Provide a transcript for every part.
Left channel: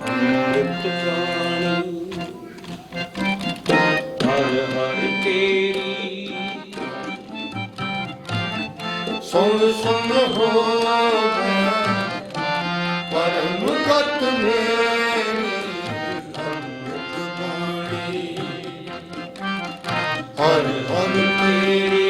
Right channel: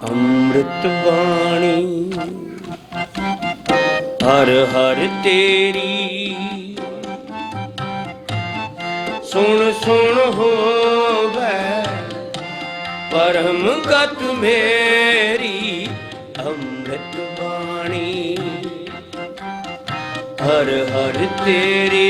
ਅੰਮ੍ਰਿਤ ਬਾਣੀ ਹਰ ਹਰ ਤੇਰੀ। ਸੁਣ ਸੁਣ ਹੋਵੇ, ਪਰਮ ਗਤ ਮੇਰੀ ਅੰਮ੍ਰਿਤ ਬਾਣੀ ਹਰ ਹਰ ਤੇਰੀ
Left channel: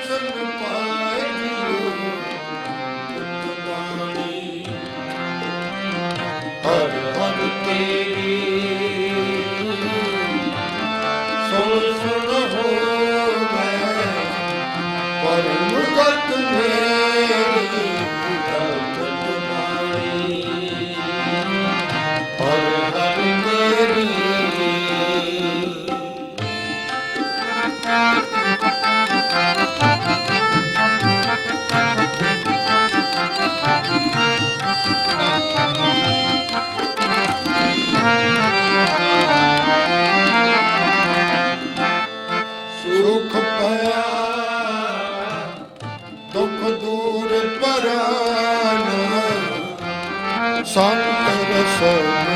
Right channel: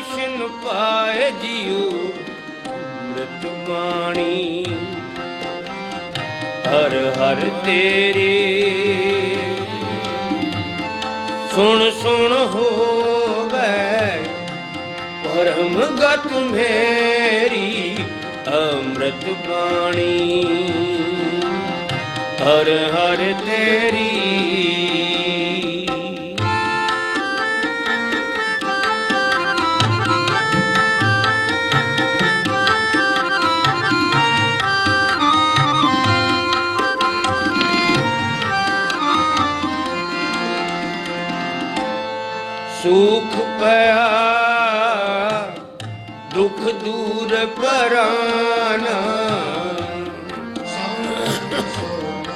so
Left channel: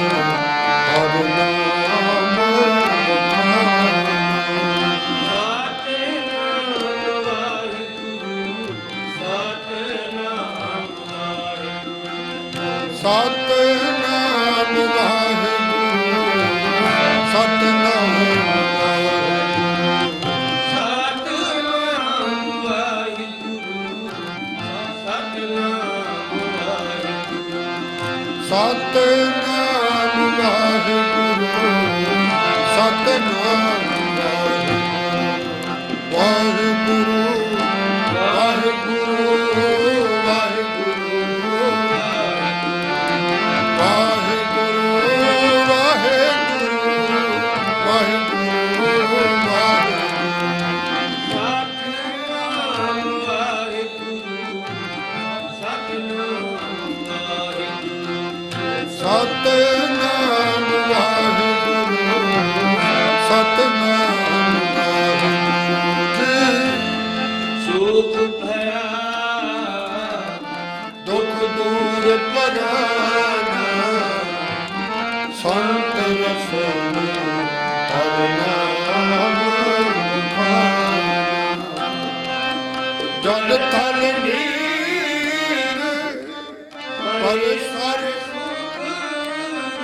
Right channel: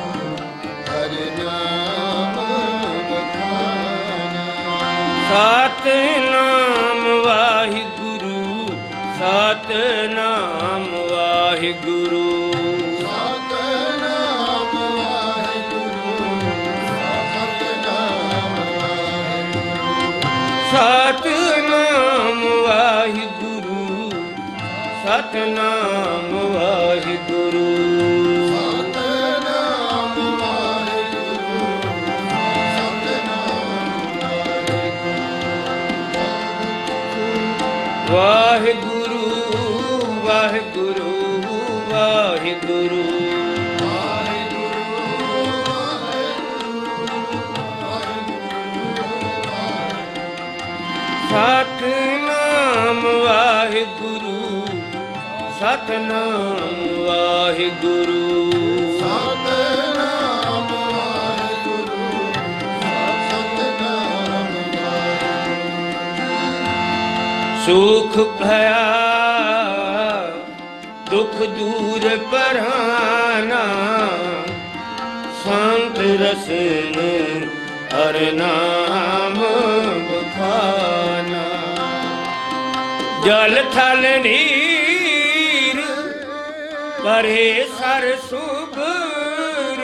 ਕਰ ਸੁਭਰ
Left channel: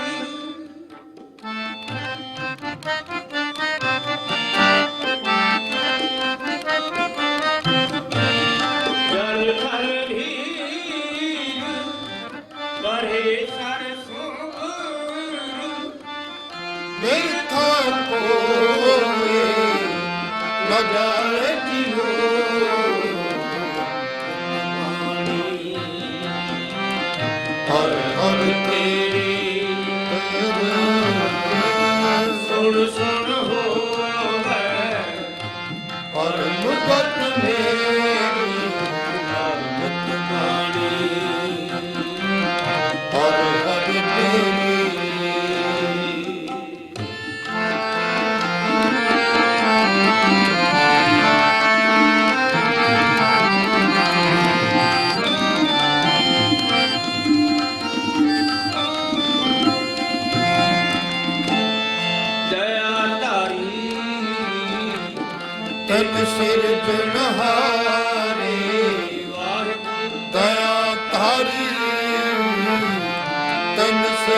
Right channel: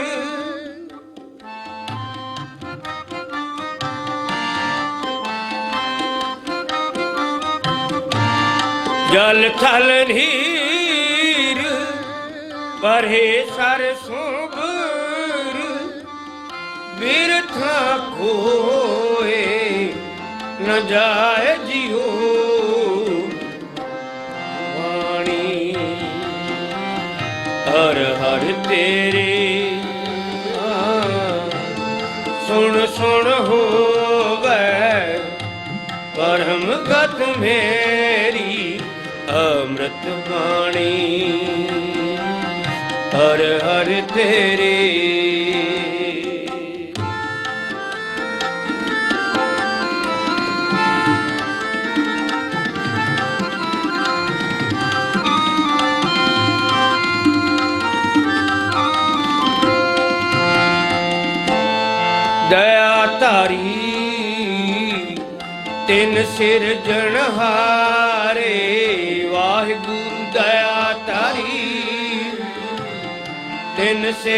ਜਲ ਮੇਰੇ ਥਾਂ ਕੋਏ ਜਾਏ ਅੰਮ੍ਰਿਤ ਬਾਣੀ ਹਰ ਤਿੰਨ ਸਿਰ ਜਣਹਾ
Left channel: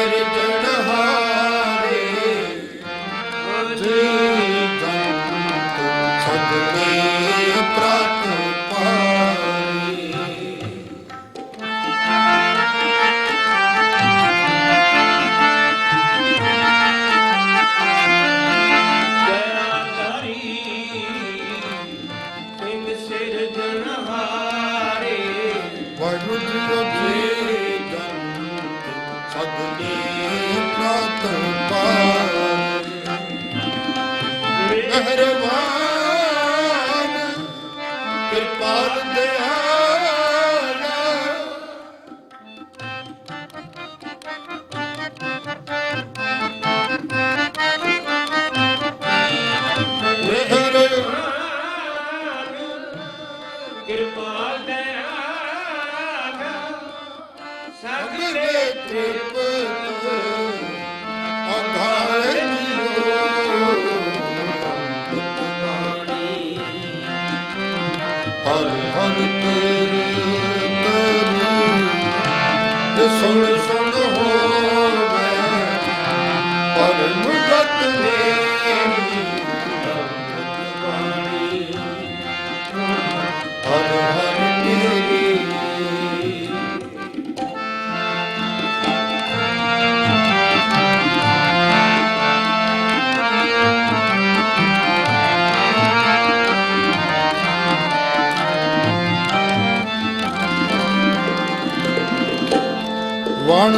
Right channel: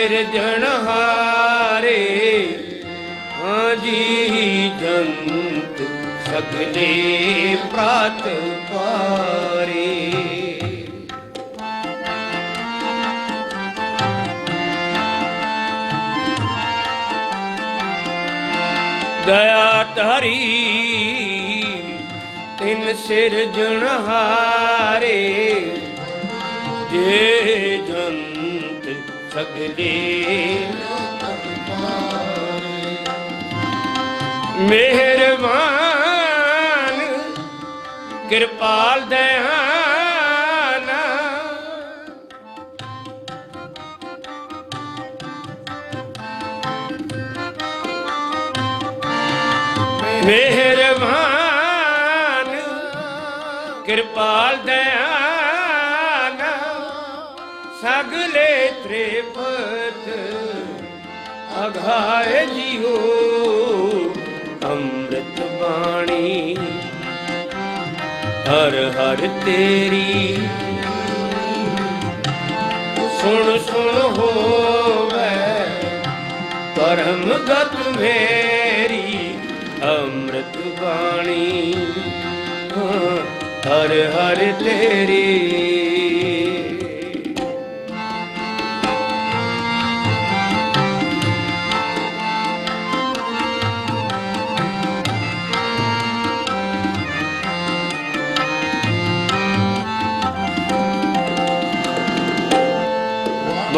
ਤਿੰਨ ਸਿਰ ਜਣਹਾਰੇ ਜੰਤ ਸਗਦੇ ਕਾਤ ਪਾਰੇ ਕਿਰਪਾਲ ਦਇਆਨਾ ਮਿਹਰਬਾਨ ਕਿਰਪਾਲ ਦਇਆਨਾ ਸੁਣ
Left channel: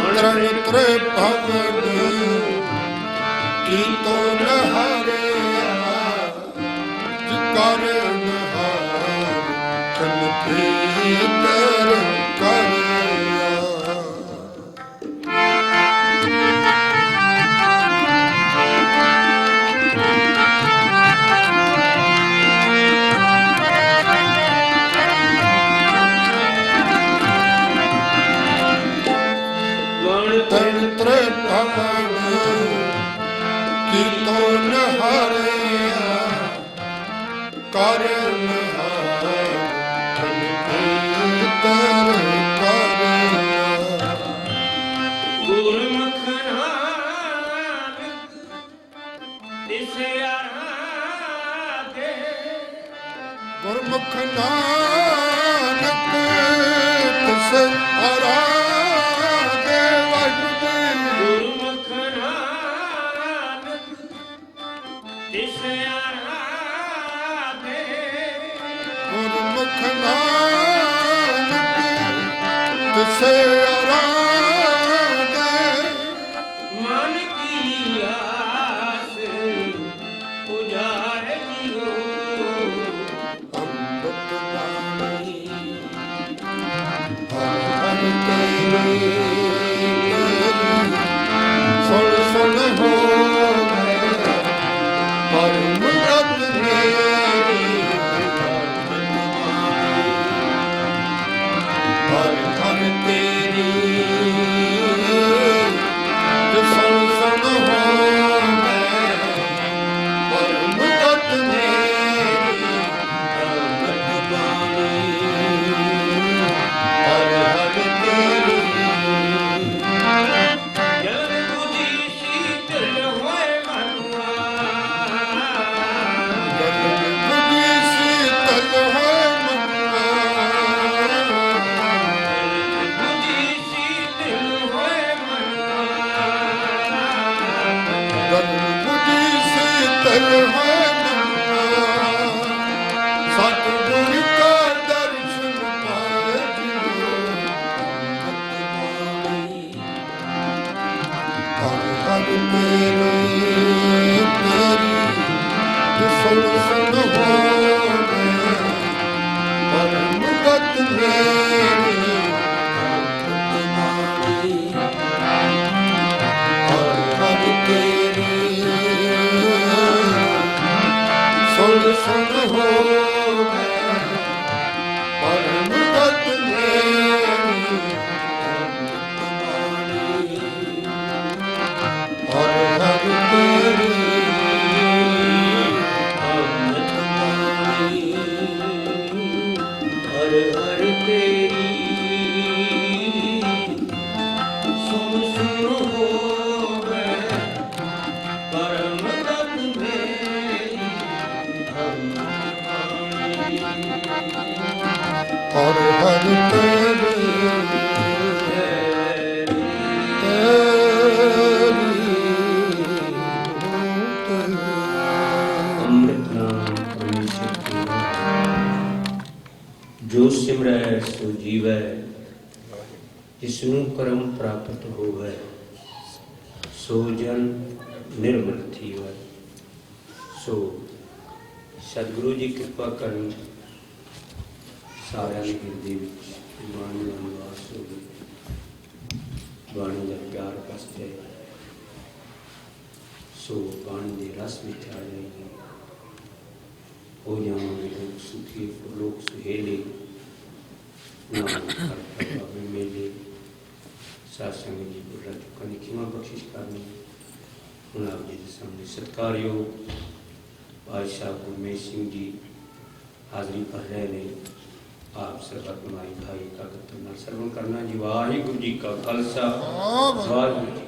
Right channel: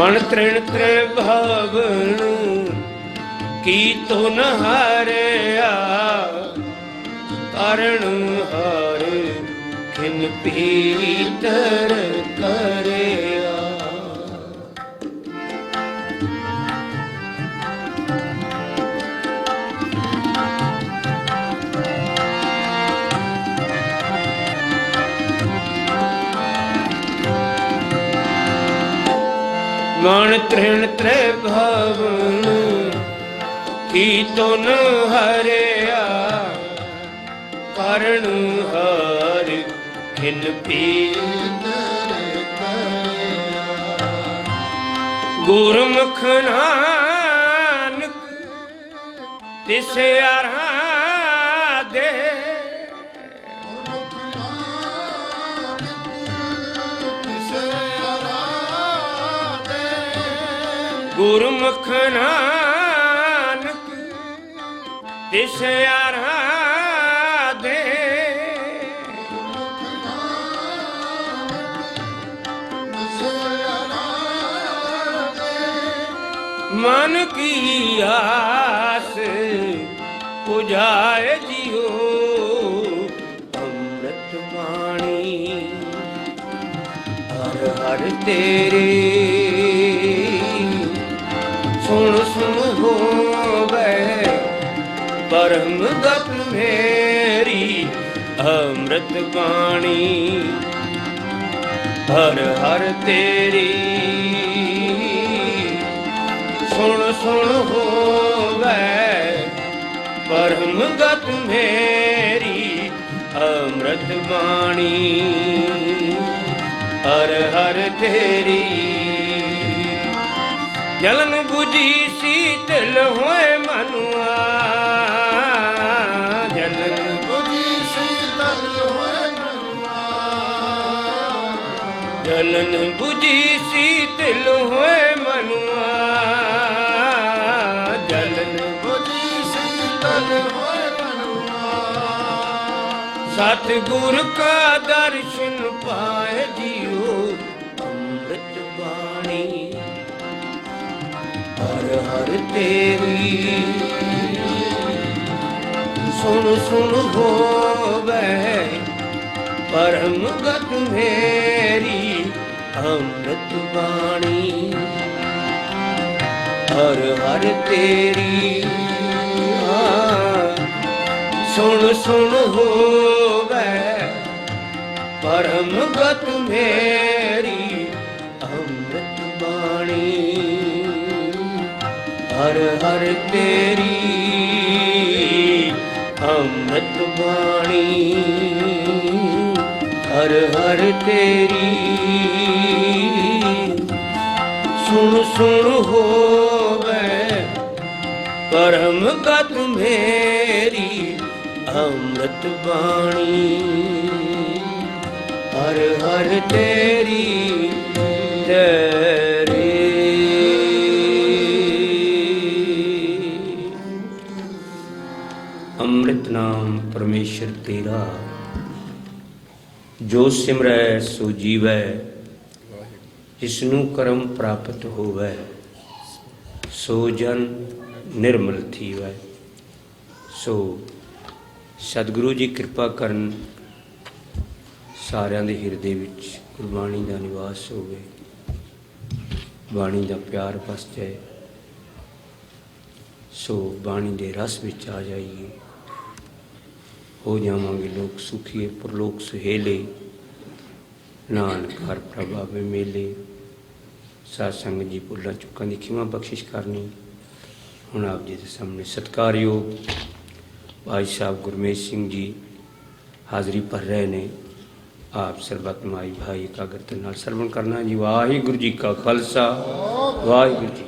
ਮਨ ਤ੍ਰਿਣ ਤੇ ਕੀ ਤੋ ਹਰਿਆ ਕਰਣ ਹਾਰੇ ਖੰਡ ਪੀਤਰ ਹਰਿਆ ਹਾਰ ਪੀਤ ਗੁਰਮੁਖ ਨਾਨਕ ਤਿਸ ਆਰਾਧੇ। ਗੁਰਮੁਖ ਨਾਨਕ ਤਿਸ ਆਰਾਧੇ। ਵਾਹਿਗੁਰੂ ਗੁਰਮੁਖ ਨਾਨਕ ਤਿਸ ਆਰਾਧੇ ਬਾਣੀ। ਹਰ ਹਰ ਤੇਰੀ ਸੁਣ ਸੁਣ ਹੋਵੇ। ਪਰਮ ਤਤ ਮੇਰੀ ਅੰਮ੍ਰਿਤ ਬਾਣੀ। ਹਰ ਹਰ ਤੇਰੀ। ਜਲਨ 부ਜੀ ਸੀਤਲ ਹੋਏ ਸਤਿਗੁਰ ਕਾ ਦਰਸ਼ਨ ਪਾਏ ਜੀਓ ਬਾਣੀ। ਹਰ ਹਰ ਤੇਰੀ ਸੁਣ ਸੁਣ ਹੋਵੇ ਪਰਮ ਗਤ ਮੇਰੀ ਅੰਮ੍ਰਿਤ ਬਾਣੀ। ਹਰ ਹਰ ਤੇਰੀ, ਸੁਣ ਸੁਣ ਹੋਵੇ ਪਰਮ ਗਤ ਮੇਰੀ ਅੰਮ੍ਰਿਤ ਬਾਣੀ ਹਰ ਹਰ ਤੇਰੀ ਅੰਮ੍ਰਿਤ ਬਾਣੀ ਹਰ ਹਰ ਜੀਵੈ ਜਿਸ ਨੂੰ ਕਰਮ ਪ੍ਰਾਪਤ ਹੋਵੇ, ਸੋ ਜਨ ਨਿਰਮਲ ਥੀਵੈ। ਸੋ ਸਤਿਗੁਰੂ ਜੀ ਕਿਰਪਾ ਕਰਨ ਸਾਰਿਆਂ ਦੇ ਹਿਰਦੇ ਵਿੱਚ ਗੁਰਬਾਣੀ ਦਾ ਨਿਵਾਸ ਹੋਵੇ। ਬਾਣੀ ਦਾ ਪਿਆਰ ਵਸ ਜਾਏ। ਸੋ ਬਾਣੀ ਦੇ ਰਸ ਵਿੱਚ ਆ ਜਾਈਏ। ਹੋ ਜਾਵਾਂਗੇ ਲੋਕ ਸੁਖੀ ਪਰਲੋਕ ਸੁਹੇਲੇ। ਨਾਨਕ ਹਰ ਪ੍ਰਭਾਵੇ ਮੇਲੇ ਸਾਧ ਸੰਗਤ ਜੀ ਭੁੱਲਾਂ ਚੁੱਕਾਂ ਦੀ ਖਿਮਾ ਬਖਸ਼ਿਸ਼ ਕਰਨੀ। ਹੁਣ ਆਪ ਜੀ ਦੇ ਸਾਹਮਣੇ ਸਤਿਕਾਰਯੋਗ ਭਾਈ ਸਾਹਿਬ ਗੁਰਮੇਸ਼ ਸਿੰਘ ਜੀ ਹਾਜ਼ਰੀ ਭਰ ਰਹੇ ਨੇ। ਆਪ ਸਰਬਤ ਮਾਈ ਭਾਈ ਇਕਾਗਰਤਾ ਨਾਲ ਸਰਵਣ ਕਰਨਾ ਜੀ। ਵਾਹਿਗੁਰੂ ਜੀ ਕਾ ਖਾਲਸਾ, ਵਾਹਿਗੁਰੂ ਜੀ